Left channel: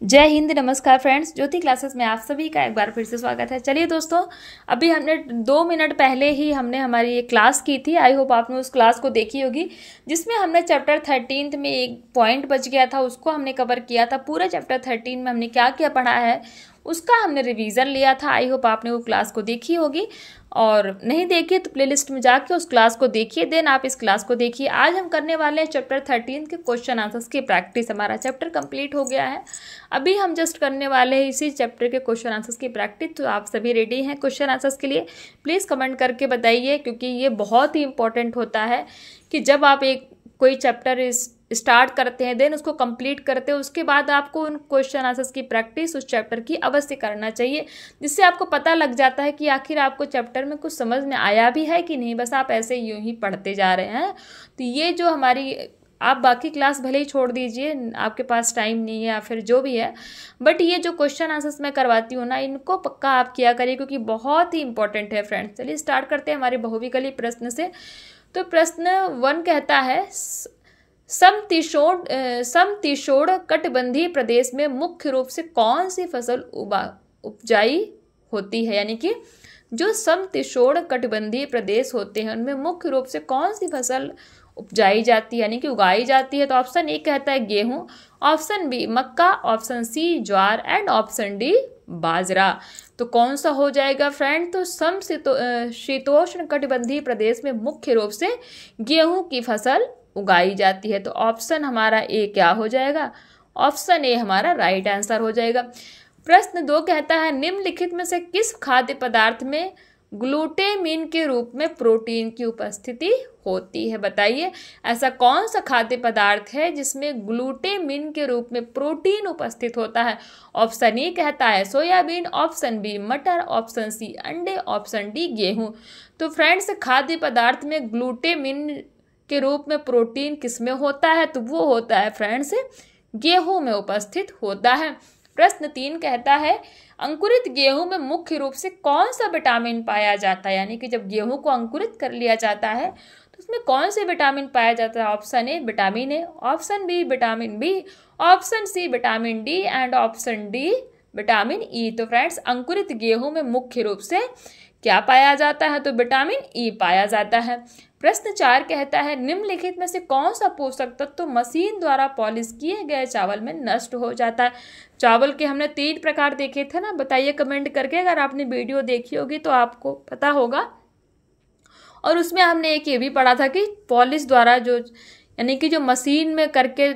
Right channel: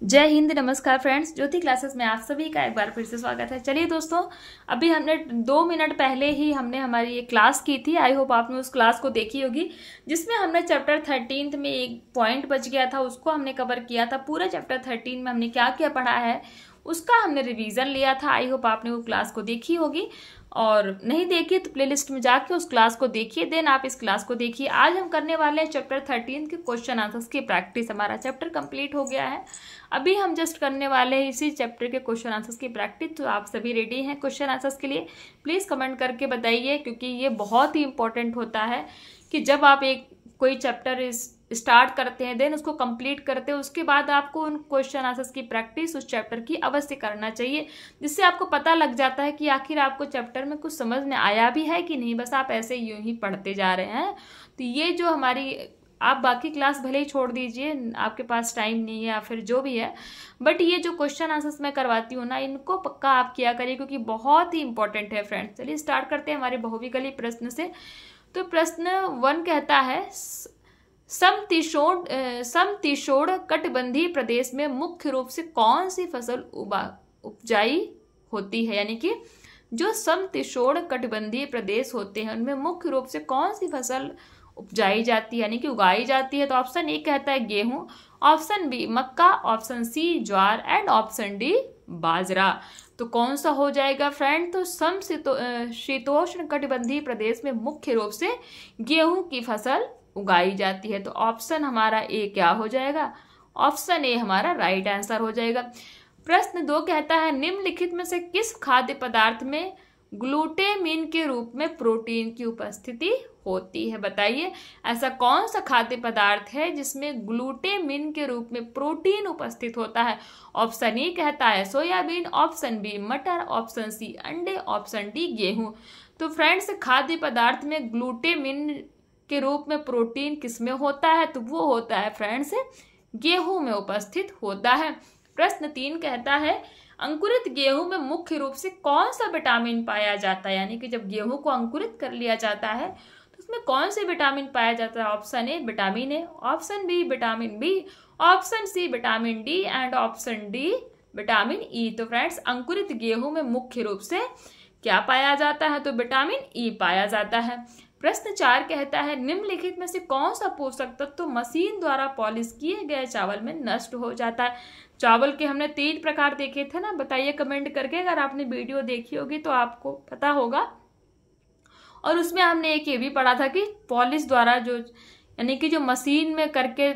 जय हिंद। नमस्कार फ्रेंड्स, ज्योति क्लासेस में आप सभी का एक बार फिर से स्वागत है। चलिए दोस्तों, अभी हमने 2 मिनट पहले ही हमने हमारी एक क्लास की थी। आई होप आपने उस क्लास को देखी होगी, जिसमें हमने चैप्टर 13 में एक पॉइंट बच गया था, उसको हमने कवर किया था। पूरे चैप्टर 13 में हमने क्या क्या पढ़ा है उसका हमने रिवीजन लिया था। आई होप आपने वो क्लास को देखी होगी, और नहीं देखिए तो प्लेलिस्ट में जाके उस क्लास को देखिए, देन आप इस क्लास को देखिए। आज हम करने वाले हैं चैप्टर 13 के क्वेश्चन आंसर्स की प्रैक्टिस। हमारा चैप्टर कंप्लीट हो गया है, अभी हम जस्ट करने वाले हैं इसी चैप्टर के क्वेश्चन आंसर्स की प्रैक्टिस। तो आप सभी रेडी हैं क्वेश्चन आंसर्स के लिए? प्लीज़ कमेंट करके बताइए, क्योंकि ये बहुत ही इंपॉर्टेंट होता है कि जब आप एक कोई चैप्टर स्टार्ट करते हैं, देन उसको कंप्लीट करते हैं, उसके बाद आपको उन क्वेश्चन आंसर्स की प्रैक्टिस उस चैप्टर की अवश्य करना चाहिए, जिससे आपको पता लग जाता है कि आखिर आपको चैप्टर में कुछ समझ में आया भी है कि नहीं, बस आप ऐसे यूं ही पढ़ते जा रहे हैं। तो ये जो हमारी, आप बाकी क्लास भले ही छोड़ दीजिए, आपके पास टाइम नहीं है या फिर जो भी है, बट ये जो क्वेश्चन आंसर्स मैं करवाती हूँ ना, इनको पक्का आप किया करिए, क्योंकि बहुत ही इंपॉर्टेंट है फ्रेंड्स। चलिए स्टार्ट करते हैं हमारे बहुविकल्पी प्रश्न से। तो प्रश्न 1 कहता है, समशीतोष्ण कटिबंधीय प्रदेश में मुख्य रूप से कौन सी फसल उपजाई होती है? यानी कि जो समशीतोष्ण कटिबंधीय प्रदेश होते हैं उनमें मुख्य रूप से कौन सी फसल उपजाई जाती है, यानी कि उगाई जाती है? तो ऑप्शन ए कहता है गेहूं, ऑप्शन बी मक्का, ऑप्शन सी ज्वार एंड ऑप्शन डी बाजरा। तो कौन सा हो जाएगा फ्रेंड? तो समशीतोष्ण कटिबंधीय प्रदेश में मुख्य रूप से गेहूं की फसल उगाई जाती है। तो ऑप्शन हमारा ए क्या हो जाएगा? ऑप्शन ए हमारा राइट आंसर हो जाएगा। प्रश्न 2 कहता है, निम्नलिखित में से किस खाद्य पदार्थ में ग्लूटेमिन के रूप में प्रोटीन की उपस्थिति होती है? बताइए, ऐसा कौन सा खाद्य पदार्थ है जिसमें ग्लूटेमिन के रूप में प्रोटीन उपस्थित होता है? ऑप्शन ए कहता है सोयाबीन, ऑप्शन बी मटर, ऑप्शन सी अंडे, ऑप्शन डी गेहूं। तो फ्रेंड्स, खाद्य पदार्थ में ग्लूटेमिन के रूप में प्रोटीन किसमें होता है? तो वो होता है फ्रेंड्स गेहूं में उपस्थित होता है। प्रश्न 3 कहता है, अंकुरित गेहूं में मुख्य रूप से कौन सा विटामिन पाया जाता है? यानी कि जब गेहूं को अंकुरित कर लिया जाता है तो उसमें कौन से विटामिन पाया जाता है? Option A vitamin A, option B vitamin B, option C vitamin D and option D vitamin E. तो फ्रेंड्स, अंकुरित गेहूं में मुख्य रूप से क्या पाया जाता है? तो विटामिन ई पाया जाता है। प्रश्न 4 कहता है, निम्नलिखित में से कौन सा पोषक तत्व मशीन द्वारा पॉलिश किए गए चावल में नष्ट हो जाता है? चावल के हमने 3 प्रकार देखे थे ना, बताइए कमेंट करके। अगर आपने वीडियो देखी होगी तो आपको पता होगा। और उसमें हमने एक ये भी पढ़ा था कि पॉलिश द्वारा जो, यानी कि जो मशीन में करके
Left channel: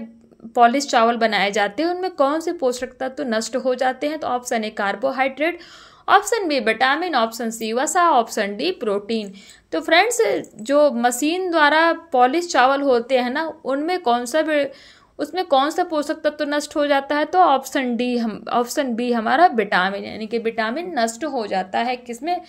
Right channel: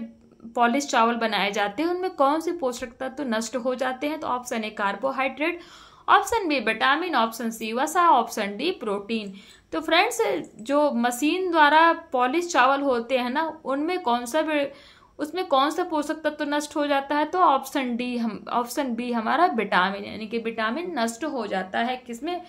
पॉलिश चावल बनाए जाते हैं, उनमें कौन से पोषक तत्व नष्ट हो जाते हैं? तो option A carbohydrate, option B vitamin, option C वसा, ऑप्शन डी प्रोटीन। तो फ्रेंड्स, जो मशीन द्वारा पॉलिश चावल होते हैं ना, उसमें कौन सा पोषक तत्व नष्ट हो जाता है? तो ऑप्शन बी हमारा विटामिन, यानी कि विटामिन नष्ट हो जाता है किसमें?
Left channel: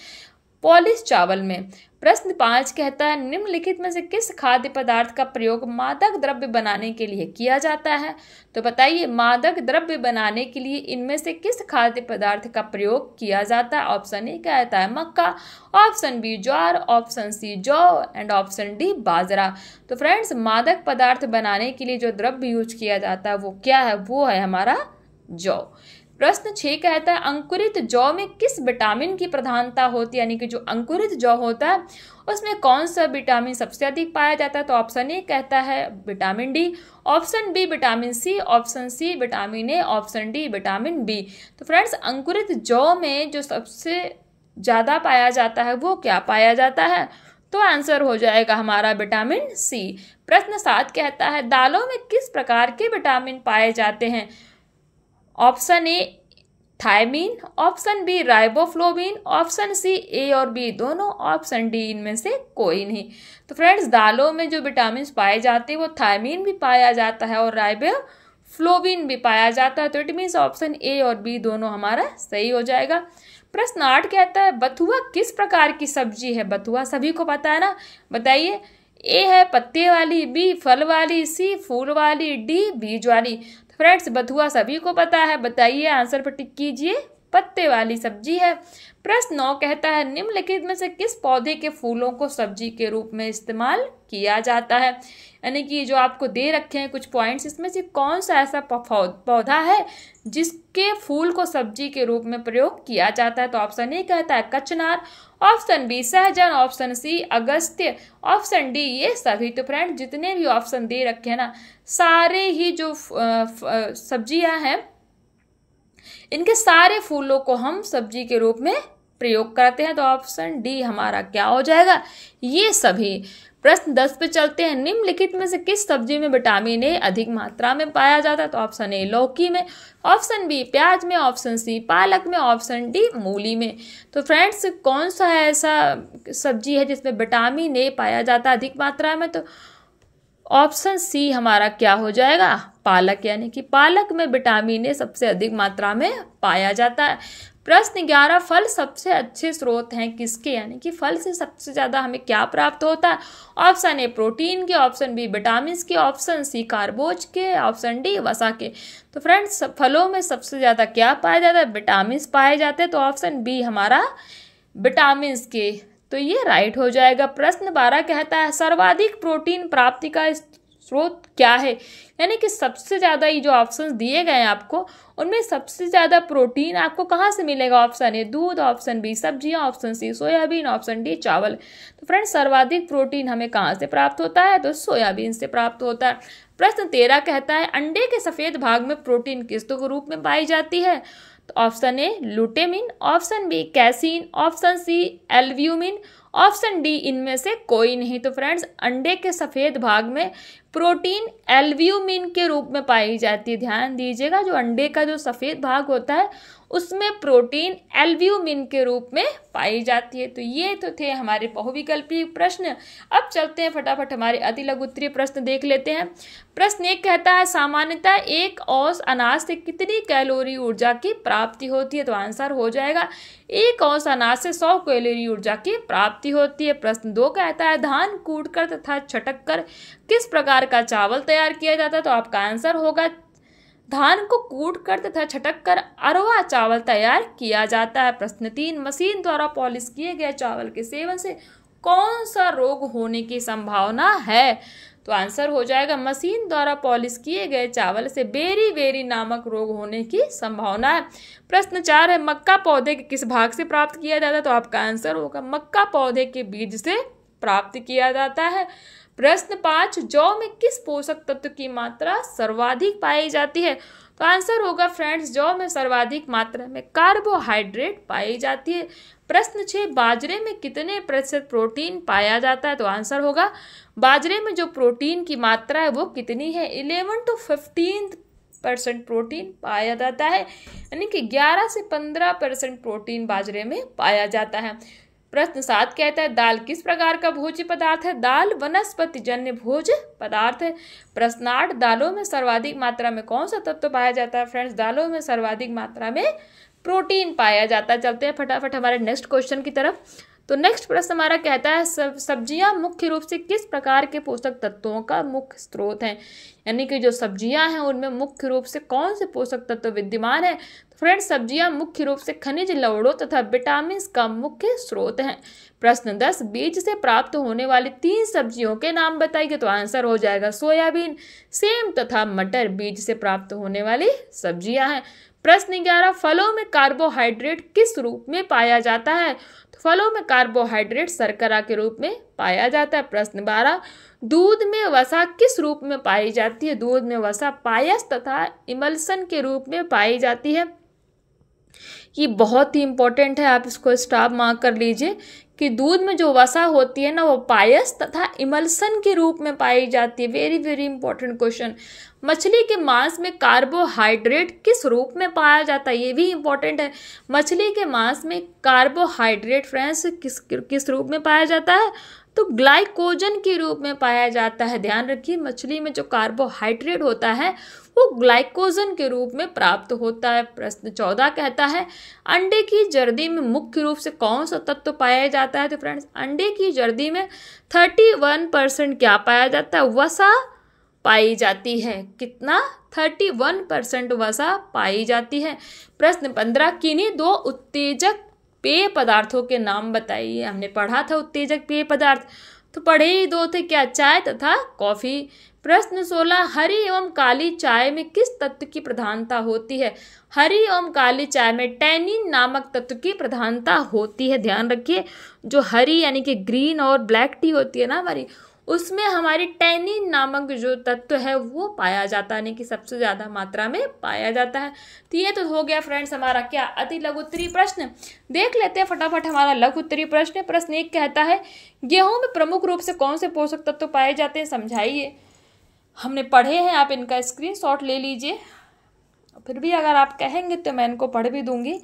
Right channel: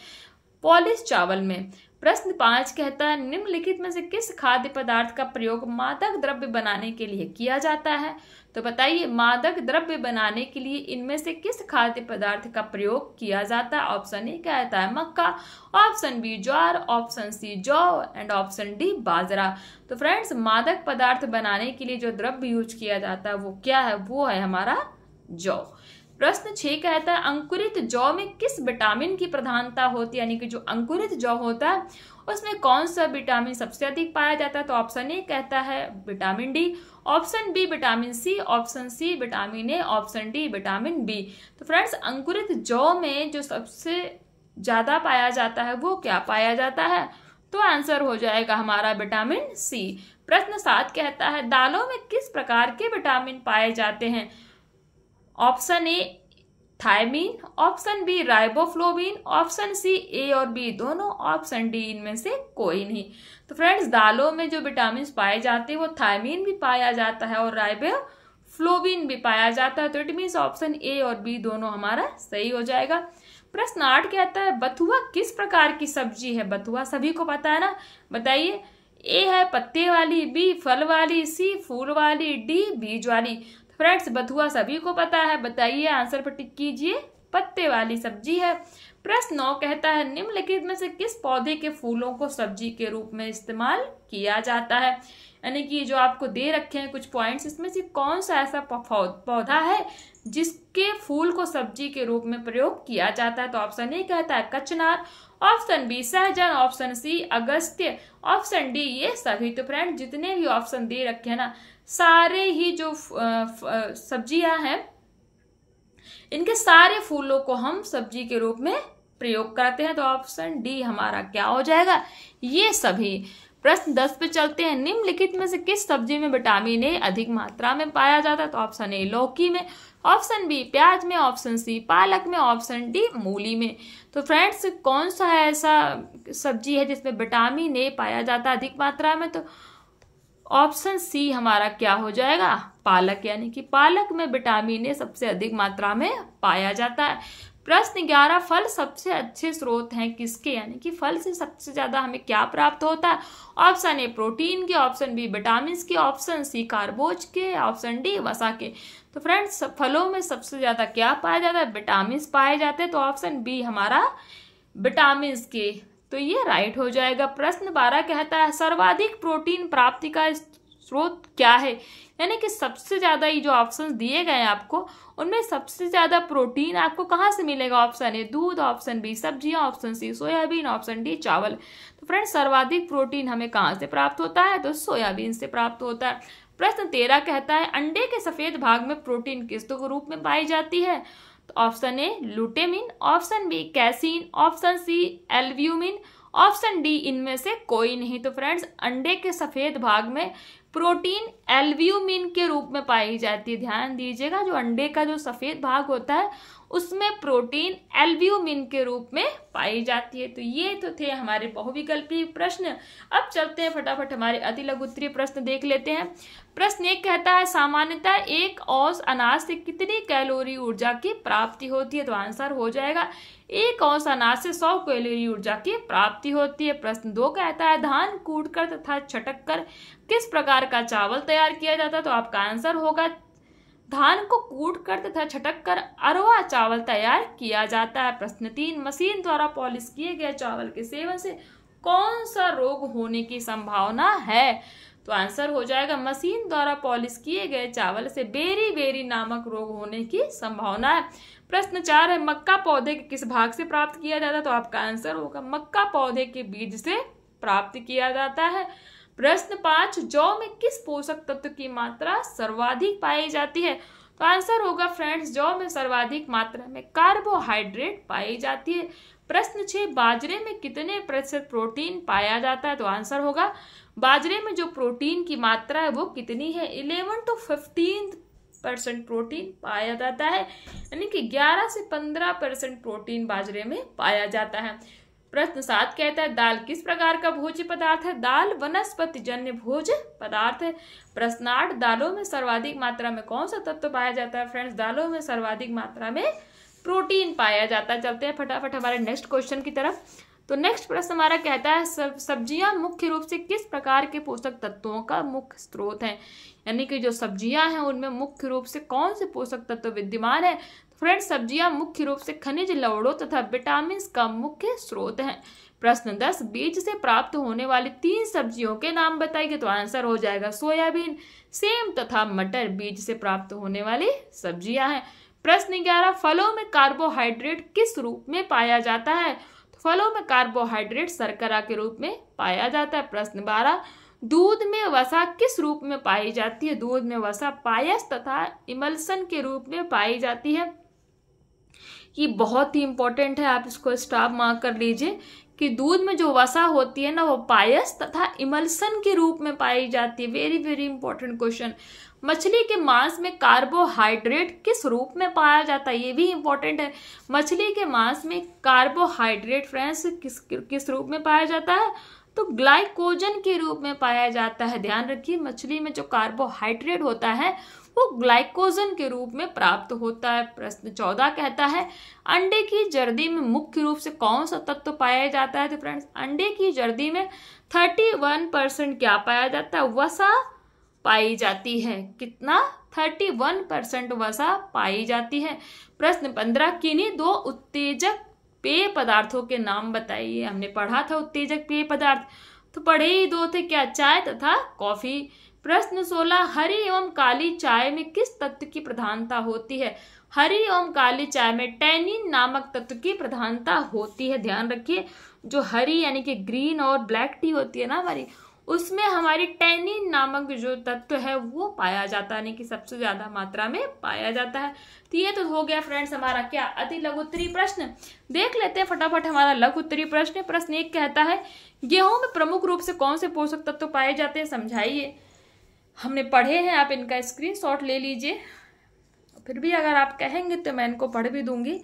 पॉलिश चावल में। प्रश्न 5 कहता है, निम्नलिखित में से किस खाद्य पदार्थ का प्रयोग मादक द्रव्य बनाने के लिए किया जाता है? तो बताइए, मादक द्रव्य बनाने के लिए इनमें से किस खाद्य पदार्थ का प्रयोग किया जाता है? ऑप्शन ए कहता है मक्का, ऑप्शन बी ज्वार, ऑप्शन सी जौ एंड ऑप्शन डी बाजरा। तो फ्रेंड्स, मादक पदार्थ बनाने के लिए जो द्रव्य यूज किया जाता है वो क्या है? वो है हमारा जौ। प्रश्न 6 कहता है, अंकुरित जौ में किस विटामिन की प्रधानता होती है? यानी कि जो अंकुरित जौ होता है उसमें कौन सा विटामिन सबसे अधिक पाया जाता है? तो ऑप्शन ए कहता है vitamin D, option B vitamin C, option C vitamin A, option D vitamin B. तो फ्रेंड्स, अंकुरित जौ में जो सबसे ज्यादा पाया जाता है वो क्या पाया जाता है? तो आंसर हो जाएगा हमारा विटामिन सी। प्रश्न 7 कहता है, दालों में किस प्रकार के विटामिन पाए जाते हैं? Option A thiamine, option B riboflavin, option C A और बी दोनों, ऑप्शन डी इनमें से कोई नहीं। तो फ्रेंड्स, दालों में जो विटामिन पाए जाते हैं वो थायमीन भी पाया जाता है और राइबोफ्लोविन भी पाया जाता है। तो इट मीन्स ऑप्शन ए और बी दोनों हमारा सही हो जाएगा। प्रश्न 8 कहता है, बथुआ किस प्रकार की सब्जी है? बथुआ सभी को पता है ना, बताइए। ए है पत्ते वाली, बी फल वाली, सी फूल वाली, डी बीज वाली। फ्रेंड्स, बथुआ सभी को पता है, बताइए, आंसर पर टिक कीजिए। पत्ते वाली सब्जी है। प्रश्न 9 कहता है, निम्नलिखित में से किस पौधे के फूलों को सब्जी के रूप में इस्तेमाल किया जाता है? यानी कि जो आपको दे रखे हैं कुछ पॉइंट्स, इसमें से कौन सा ऐसा पौधा है जिसके फूल को सब्जी के रूप में प्रयोग किया जाता है? तो ऑप्शन ए कहता है कचनार, ऑप्शन बी सहजन, ऑप्शन सी अगस्त्य, ऑप्शन डी ये सभी। तो फ्रेंड जितने भी ऑप्शन दे रखे हैं ना, सारे ही जो सब्जियां हैं इनके सारे फूलों को हम सब्जी के रूप में प्रयोग करते हैं। तो ऑप्शन डी हमारा क्या हो जाएगा? ये सभी। प्रश्न 10 पे चलते हैं। निम्नलिखित में से किस सब्जी में विटामिन ए अधिक मात्रा में पाया जाता है? तो ऑप्शन ए लौकी में, ऑप्शन बी प्याज में, ऑप्शन सी पालक में, ऑप्शन डी मूली में। तो फ्रेंड्स कौन सा ऐसा सब्जी है जिसमें विटामिन ए पाया जाता है अधिक मात्रा में? तो ऑप्शन सी हमारा क्या हो जाएगा? पालक, यानी कि पालक में विटामिन ए सबसे अधिक मात्रा में पाया जाता है। प्रश्न 11, फल सबसे अच्छे स्रोत हैं किसके? यानी कि फल से सबसे ज्यादा हमें क्या प्राप्त होता है? ऑप्शन ए प्रोटीन के, ऑप्शन बी विटामिन के, ऑप्शन सी कार्बोज के, ऑप्शन डी वसा के। तो फ्रेंड्स फलों में सबसे ज्यादा क्या पाया जाता है? विटामिन पाए जाते हैं। तो ऑप्शन बी हमारा विटामिन के, तो ये राइट हो जाएगा। प्रश्न 12 कहता है सर्वाधिक प्रोटीन प्राप्ति का स्रोत क्या है? यानी कि सबसे ज्यादा ये जो ऑप्शन दिए गए हैं आपको, उनमें सबसे ज्यादा प्रोटीन आपको कहाँ से मिलेगा? ऑप्शन ए दूध, ऑप्शन बी सब्जियां, option C soybean, option D चावल। तो फ्रेंड्स सर्वाधिक प्रोटीन हमें कहाँ से प्राप्त होता है? तो सोयाबीन से प्राप्त होता है। प्रश्न 13 कहता है अंडे के सफेद भाग में प्रोटीन किस रूप में पाई जाती है? तो ऑप्शन ए लुटेमिन, option B casein, option C albumin, option D इनमें से कोई नहीं। तो फ्रेंड्स अंडे के सफेद भाग में प्रोटीन एल्ब्यूमिन के रूप में पाई जाती है। ध्यान दीजिएगा, जो अंडे का जो सफेद भाग होता है उसमें प्रोटीन एल्ब्यूमिन के रूप में पाई जाती है। तो ये तो थे हमारे बहुविकल्पीय प्रश्न। अब चलते हैं फटाफट हमारे अति लघु उत्तरीय प्रश्न देख लेते हैं। प्रश्न 1 कहता है सामान्यतः एक औंस अनाज से कितनी कैलोरी ऊर्जा की प्राप्ति होती है? तो आंसर हो जाएगा एक औंस अनाज से 100 कैलोरी ऊर्जा की प्राप्ति होती है। प्रश्न 2 कहता है धान कूटकर तथा छटक कर किस प्रकार का चावल तैयार किया जाता है? तो आपका आंसर होगा धान को कूटकर तथा छटक कर अरवा चावल तैयार किया जाता है। प्रश्न 3 मशीन द्वारा पॉलिश किए गए चावल के सेवन से कौन सा रोग होने की संभावना है? तो आंसर हो जाएगा मशीन द्वारा पॉलिश किए गए चावल से बेरी नामक रोग होने की संभावना है। प्रश्न 4 है मक्का पौधे के किस भाग से प्राप्त किया जाता है? तो आपका आंसर होगा मक्का पौधे के बीज से प्राप्त किया जाता है। प्रश्न 5 जौ में किस पोषक तत्व की मात्रा सर्वाधिक पाई जाती है? तो आंसर होगा फ्रेंड्स जौ में सर्वाधिक मात्रा में कार्बोहाइड्रेट पाई जाती है। प्रश्न 6 बाजरे में कितने प्रतिशत प्रोटीन पाया जाता है? तो आंसर होगा बाजरे में जो प्रोटीन की मात्रा है वो कितनी है? 11 to 15% प्रोटीन पाया जाता है, यानी कि 11 से 15% प्रोटीन बाजरे में पाया जाता है। प्रश्न 7 कहता है दाल किस प्रकार का भोज्य पदार्थ है? दाल वनस्पति जन्य भोज्य पदार्थ है। प्रश्न 8 दालों में सर्वाधिक मात्रा में कौन सा तत्व पाया जाता है? फ्रेंड्स दालों में सर्वाधिक मात्रा में प्रोटीन पाया जाता है। चलते हैं फटाफट हमारे नेक्स्ट क्वेश्चन की तरफ। तो नेक्स्ट प्रश्न हमारा कहता है सब्जियां मुख्य रूप से किस प्रकार के पोषक तत्वों का मुख्य स्रोत हैं? यानी कि जो सब्जियां हैं उनमें मुख्य रूप से कौन से पोषक तत्व विद्यमान है? तो फ्रेंड्स सब्जियां मुख्य रूप से खनिज लवणों तथा विटामिन का मुख्य स्रोत हैं। प्रश्न 10 बीज से प्राप्त होने वाली 3 सब्जियों के नाम बताइए। तो आंसर हो जाएगा सोयाबीन, सेम तथा मटर बीज से प्राप्त होने वाली सब्जियां हैं। प्रश्न 11 फलों में कार्बोहाइड्रेट किस रूप में पाया जाता है? तो फलों में कार्बोहाइड्रेट शर्करा के रूप में पाया जाता है। प्रश्न 12 दूध में वसा किस रूप में पाई जाती है? दूध में वसा पायस तथा इमल्सन के रूप में पाई जाती है। ये बहुत ही इंपॉर्टेंट है, आप इसको स्टॉप मार्क कर लीजिए कि दूध में जो वसा होती है ना वो पायस तथा इमल्सन के रूप में पाई जाती है। Very important question. मछली के मांस में कार्बोहाइड्रेट किस रूप में पाया जाता है? ये भी इंपॉर्टेंट है। मछली के मांस में कार्बोहाइड्रेट फ्रेंड्स किस रूप में पाया जाता है? तो ग्लाइकोजन के रूप में पाया जाता है। ध्यान रखिए मछली में जो कार्बोहाइड्रेट होता है वो ग्लाइकोजन के रूप में प्राप्त होता है। प्रश्न 14 कहता है अंडे की जर्दी में मुख्य रूप से कौन सा तत्व पाया जाता है? तो फ्रेंड्स अंडे की जर्दी में 31% क्या पाया जाता है? वसा पाई जाती है। कितना? 31% वसा पाई जाती है। प्रश्न 15 किन्हीं 2 उत्तेजक पेय पदार्थों के नाम बताइए। हमने पढ़ा था उत्तेजक पेय पदार्थ, तो पढ़े ही दो थे क्या, चाय तथा कॉफी। प्रश्न 16, हरी एवं काली चाय में किस तत्व की प्रधानता होती है। हरी एवं काली चाय में टैनिन नामक तत्व की प्रधानता होती है। ध्यान रखिए, जो हरी यानी कि ग्रीन और ब्लैक टी होती है ना हमारी, उसमें हमारी टैनिन नामक जो तत्व है वो पाया जाता है, यानी कि सबसे ज्यादा मात्रा में पाया जाता है। तो ये तो हो गया फ्रेंड्स हमारा क्या, अति लघु उत्तरीय प्रश्न। देख लेते हैं फटाफट हमारा लघु उत्तरीय प्रश्न। प्रश्न 1 कहता है, गेहूं में प्रमुख रूप से कौन से पोषक तत्व पाए जाते हैं, समझाइए। हमने पढ़े हैं, आप इनका स्क्रीनशॉट ले लीजिए। फिर भी अगर आप कहेंगे तो मैं इनको पढ़ भी दूंगी,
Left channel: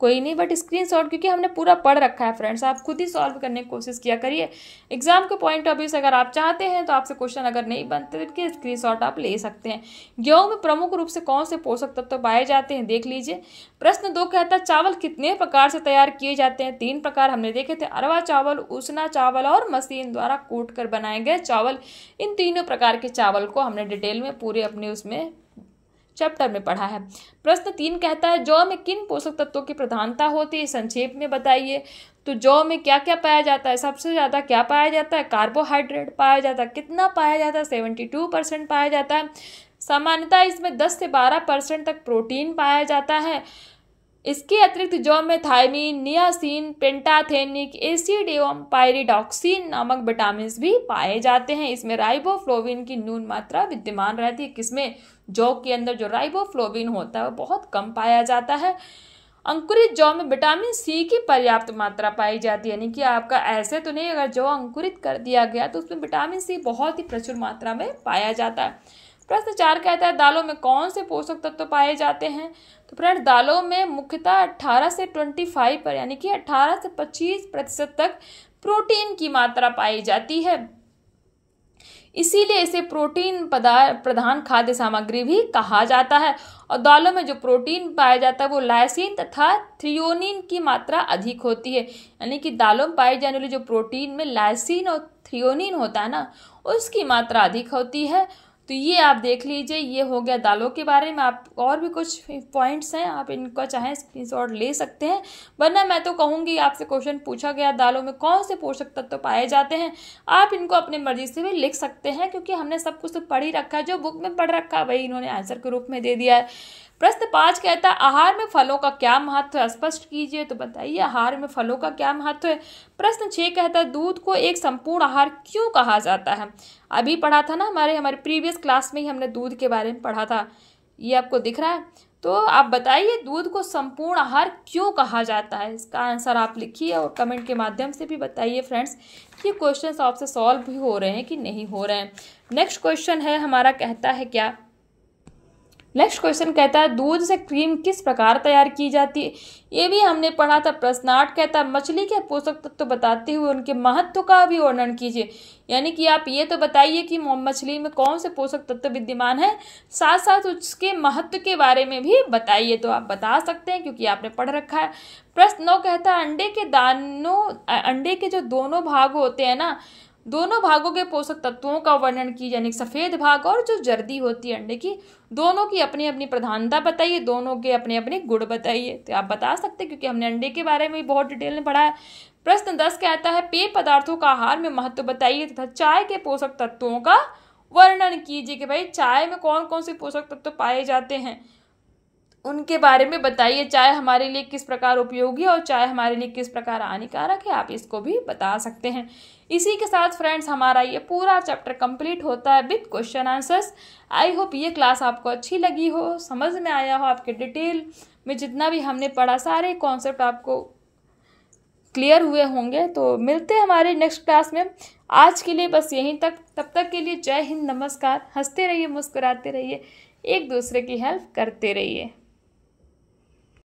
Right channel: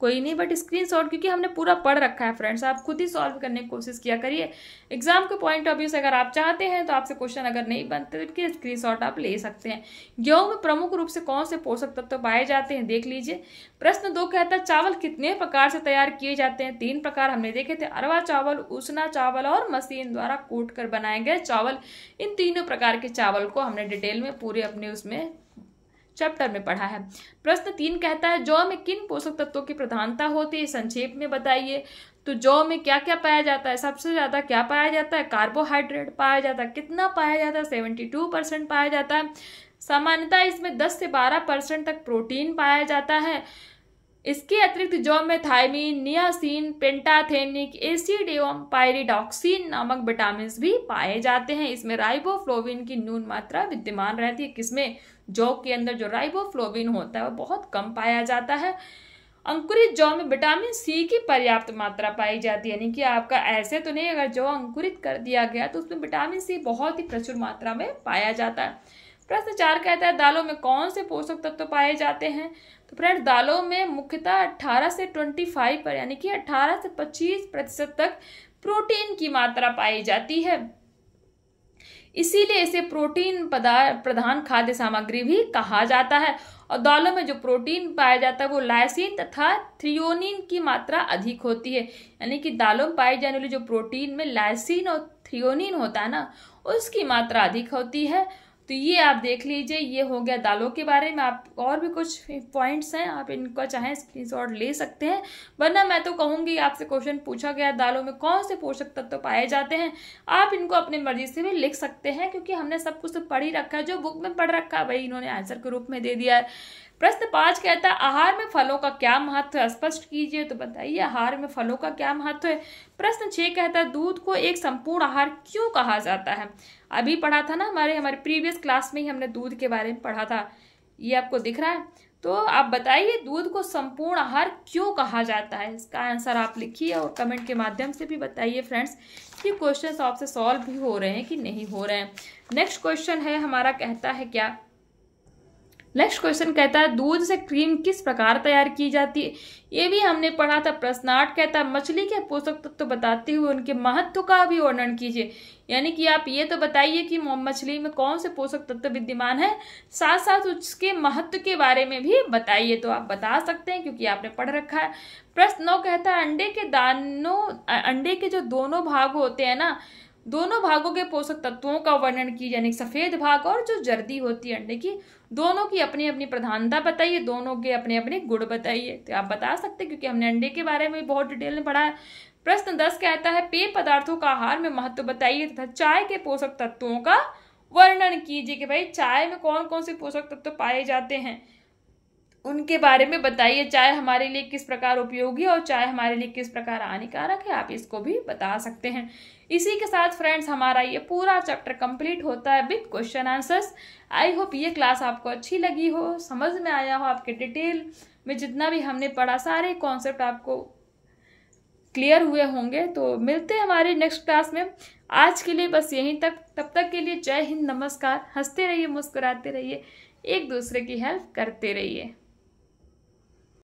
कोई नहीं, बट स्क्रीनशॉट क्योंकि हमने पूरा पढ़ रखा है फ्रेंड्स, आप खुद ही सॉल्व करने की कोशिश किया करिए। एग्जाम के पॉइंट ऑफ व्यू से अगर आप चाहते हैं तो आपसे क्वेश्चन अगर नहीं बनते तो इनके स्क्रीनशॉट आप ले सकते हैं। गेहूं में प्रमुख रूप से कौन से पोषक तत्व पाए जाते हैं, देख लीजिए। प्रश्न 2 कहता है, चावल कितने प्रकार से तैयार किए जाते हैं। 3 प्रकार हमने देखे थे, अरवा चावल, उसना चावल और मशीन द्वारा कूट कर बनाए गए चावल। इन तीनों प्रकार के चावल को हमने डिटेल में पूरे अपने उसमें चैप्टर में पढ़ा है। प्रश्न 3 कहता है, जौ में किन पोषक तत्वों की प्रधानता होती है, संक्षेप में बताइए। तो जौ में क्या क्या पाया जाता है, सबसे ज्यादा क्या पाया जाता है, कार्बोहाइड्रेट पाया जाता है। कितना पाया जाता है, 72% पाया जाता है। सामान्यतः इसमें 10 से 12% तक प्रोटीन पाया जाता है। इसके अतिरिक्त जौ में थायमीन, नियासिन, पेंटाथेनिक एसिड एवं पायरिडॉक्सिन नामक विटामिन भी पाए जाते हैं। इसमें राइबोफ्लोविन की न्यून मात्रा विद्यमान रहती है। किसमें, जौ के अंदर जो राइबोफ्लोविन होता है वो बहुत कम पाया जाता है। अंकुरित जौ में विटामिन सी की पर्याप्त मात्रा पाई जाती है, यानी कि आपका ऐसे तो नहीं, अगर जौ अंकुरित कर दिया गया तो उसमें विटामिन सी बहुत ही प्रचुर मात्रा में पाया जाता है। प्रश्न 4 कहता है, दालों में कौन से पोषक तत्व पाए जाते हैं। तो फ्रेंड, दालों में मुख्यतः 18 से 25 पर यानी कि 18 से 25% तक प्रोटीन की मात्रा पाई जाती है। इसीलिए इसे प्रोटीन प्रधान खाद्य सामग्री भी कहा जाता है। और दालों में जो प्रोटीन पाया जाता है वो लाइसिन तथा थ्रियोनिन की मात्रा अधिक होती है, यानी कि दालों में पाई जाने वाली जो प्रोटीन में लाइसिन और थ्रियोनिन होता है ना, उसकी मात्रा अधिक होती है। तो ये आप देख लीजिए, ये हो गया दालों के बारे में। आप और भी कुछ पॉइंट्स हैं, आप इनको चाहे स्क्रीनशॉट ले सकते हैं, वरना मैं तो कहूँगी आपसे क्वेश्चन पूछा गया दालों में कौन से पोषक तत्व पाए जाते हैं, आप इनको अपनी मर्जी से भी लिख सकते हैं, क्योंकि हमने सब कुछ तो पढ़ ही रखा है, जो बुक में पढ़ रखा है वही इन्होंने आंसर के रूप में दे दिया है। प्रश्न 5 कहता है, आहार में फलों का क्या महत्व है, स्पष्ट कीजिए। तो बताइए आहार में फलों का क्या महत्व है। प्रश्न 6 कहता है, दूध को एक संपूर्ण आहार क्यों कहा जाता है। अभी पढ़ा था ना, हमारे प्रीवियस क्लास में ही हमने दूध के बारे में पढ़ा था, ये आपको दिख रहा है। तो आप बताइए दूध को संपूर्ण आहार क्यों कहा जाता है। इसका आंसर आप लिखिए और कमेंट के माध्यम से भी बताइए फ्रेंड्स कि क्वेश्चन आपसे सॉल्व भी हो रहे हैं कि नहीं हो रहे हैं। नेक्स्ट क्वेश्चन है हमारा, कहता है क्या, नेक्स्ट क्वेश्चन कहता है, दूध से क्रीम किस प्रकार तैयार की जाती है। ये भी हमने पढ़ा था। प्रश्न 8 कहता है, मछली के पोषक तत्व बताते हुए उनके महत्व का भी वर्णन कीजिए। यानी कि आप ये तो बताइए कि मछली में कौन से पोषक तत्व विद्यमान है, साथ साथ उसके महत्व के बारे में भी बताइए। तो आप बता सकते हैं क्योंकि आपने पढ़ रखा है। प्रश्न 9 कहता है, अंडे के जो दोनों भाग होते हैं ना, दोनों भागों के पोषक तत्वों का वर्णन कीजिए, यानी सफेद भाग और जो जर्दी होती है अंडे की, दोनों की अपनी अपनी प्रधानता बताइए, दोनों के अपने अपने गुण बताइए। तो आप बता सकते हैं क्योंकि हमने अंडे के बारे में बहुत डिटेल में पढ़ा है। प्रश्न 10 कहता है, पेय पदार्थों का आहार में महत्व बताइए तथा चाय के पोषक तत्वों का वर्णन कीजिए कि भाई चाय में कौन कौन से पोषक तत्व पाए जाते हैं, उनके बारे में बताइए। चाय हमारे लिए किस प्रकार उपयोगी है और चाय हमारे लिए किस प्रकार हानिकारक है, आप इसको भी बता सकते हैं। इसी के साथ फ्रेंड्स हमारा ये पूरा चैप्टर कंप्लीट होता है with question answers. I hope ये क्लास आपको अच्छी लगी हो, समझ में आया हो, आपके डिटेल में जितना भी हमने पढ़ा सारे कॉन्सेप्ट आपको क्लियर हुए होंगे। तो मिलते हैं हमारे नेक्स्ट क्लास में। आज के लिए बस यहीं तक, तब तक के लिए जय हिंद, नमस्कार। हंसते रहिए, मुस्कुराते रहिए, एक दूसरे की हेल्प करते रहिए।